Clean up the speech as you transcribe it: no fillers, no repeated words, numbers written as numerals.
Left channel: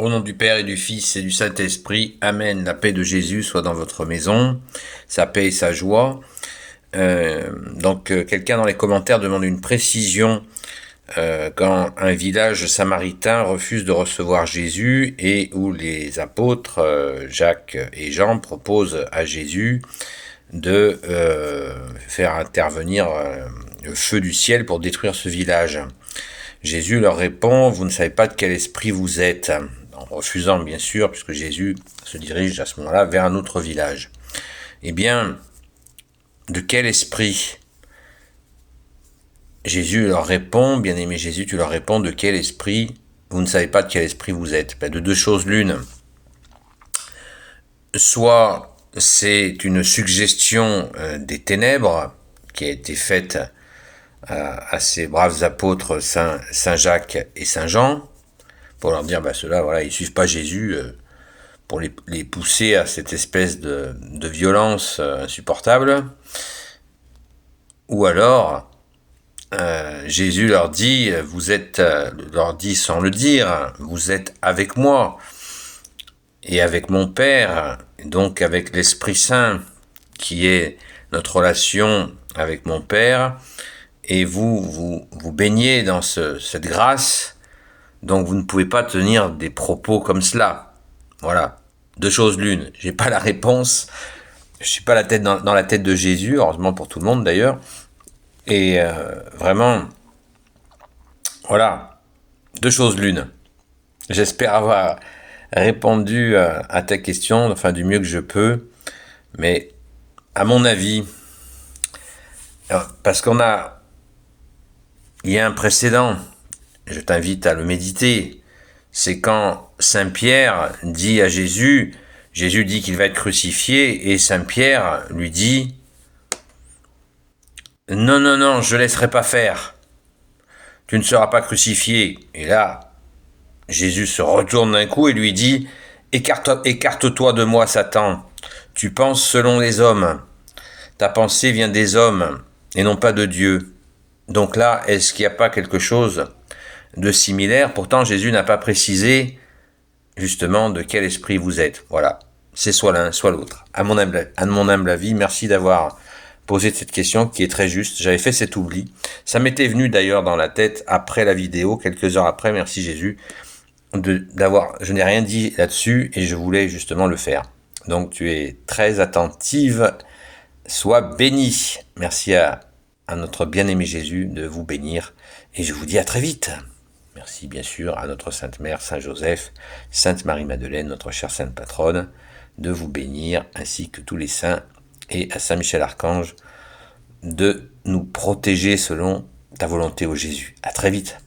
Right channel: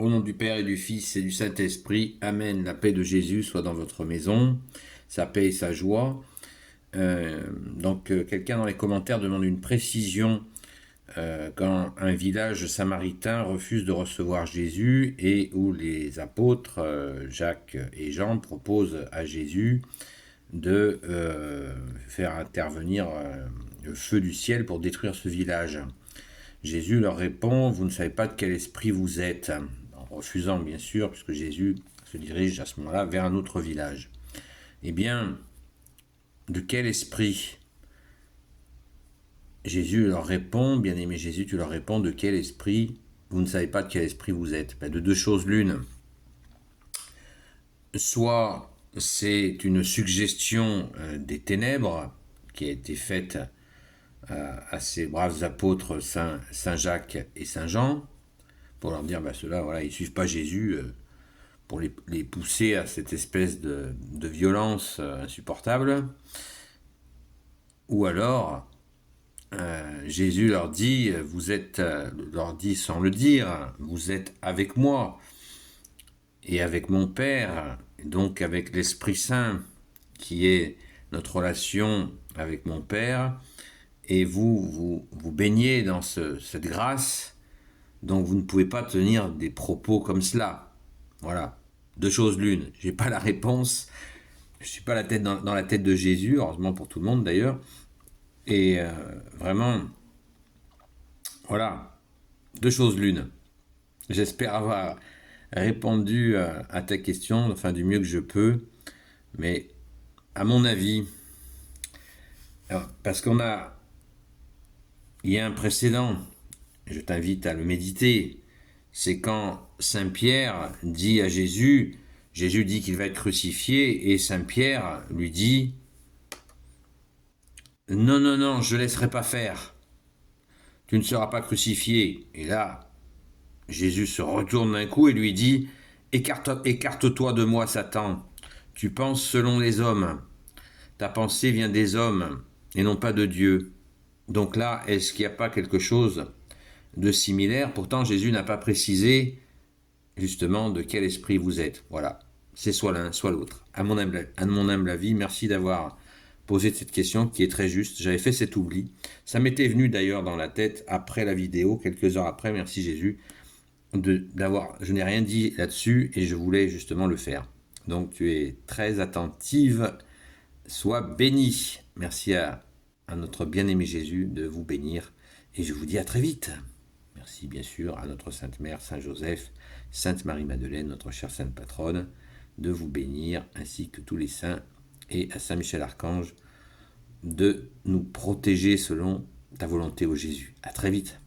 Au nom du Père et du Fils et du Saint-Esprit, Amen. La paix de Jésus soit dans votre maison, sa paix et sa joie. Quelqu'un dans les commentaires demande une précision quand un village samaritain refuse de recevoir Jésus et où les apôtres Jacques et Jean proposent à Jésus de faire intervenir le feu du ciel pour détruire ce village. Jésus leur répond, vous ne savez pas de quel esprit vous êtes, en refusant bien sûr, puisque Jésus se dirige à ce moment-là vers un autre village. Eh bien, de quel esprit? Jésus leur répond, bien-aimé Jésus, tu leur réponds, de quel esprit? Vous ne savez pas de quel esprit vous êtes. De deux choses l'une. Soit c'est une suggestion des ténèbres qui a été faite à ces braves apôtres Saint Jacques et Saint Jean, pour leur dire, ceux-là, voilà, ils suivent pas Jésus, pour les pousser à cette espèce de violence insupportable. Ou alors, Jésus leur dit, leur dit sans le dire, vous êtes avec moi et avec mon Père, et donc avec l'Esprit Saint, qui est notre relation avec mon Père, et vous baignez dans cette grâce, donc vous ne pouvez pas tenir des propos comme cela. Voilà. Deux choses l'une. J'ai pas la réponse. Je suis pas dans la tête de Jésus, heureusement pour tout le monde d'ailleurs. Et vraiment, voilà. Deux choses l'une. J'espère avoir répondu à ta question, enfin du mieux que je peux. Mais à mon avis, parce il y a un précédent, je t'invite à le méditer, c'est quand Saint Pierre dit à Jésus, Jésus dit qu'il va être crucifié, et Saint Pierre lui dit, non, non, non, je ne laisserai pas faire, tu ne seras pas crucifié. Et là, Jésus se retourne d'un coup et lui dit, écarte-toi de moi, Satan, tu penses selon les hommes, ta pensée vient des hommes, et non pas de Dieu. Donc là, est-ce qu'il n'y a pas quelque chose de similaire? Pourtant, Jésus n'a pas précisé justement de quel esprit vous êtes. Voilà, c'est soit l'un, soit l'autre. À mon humble avis, merci d'avoir posé cette question qui est très juste. J'avais fait cet oubli. Ça m'était venu d'ailleurs dans la tête après la vidéo, quelques heures après, merci Jésus, je n'ai rien dit là-dessus et je voulais justement le faire. Donc tu es très attentive, sois bénie. Merci à notre bien-aimé Jésus de vous bénir et je vous dis à très vite. Merci bien sûr à notre Sainte Mère, Saint Joseph, Sainte Marie-Madeleine, notre chère Sainte Patronne, de vous bénir, ainsi que tous les saints, et à Saint Michel Archange, de nous protéger selon ta volonté, ô Jésus. À très vite.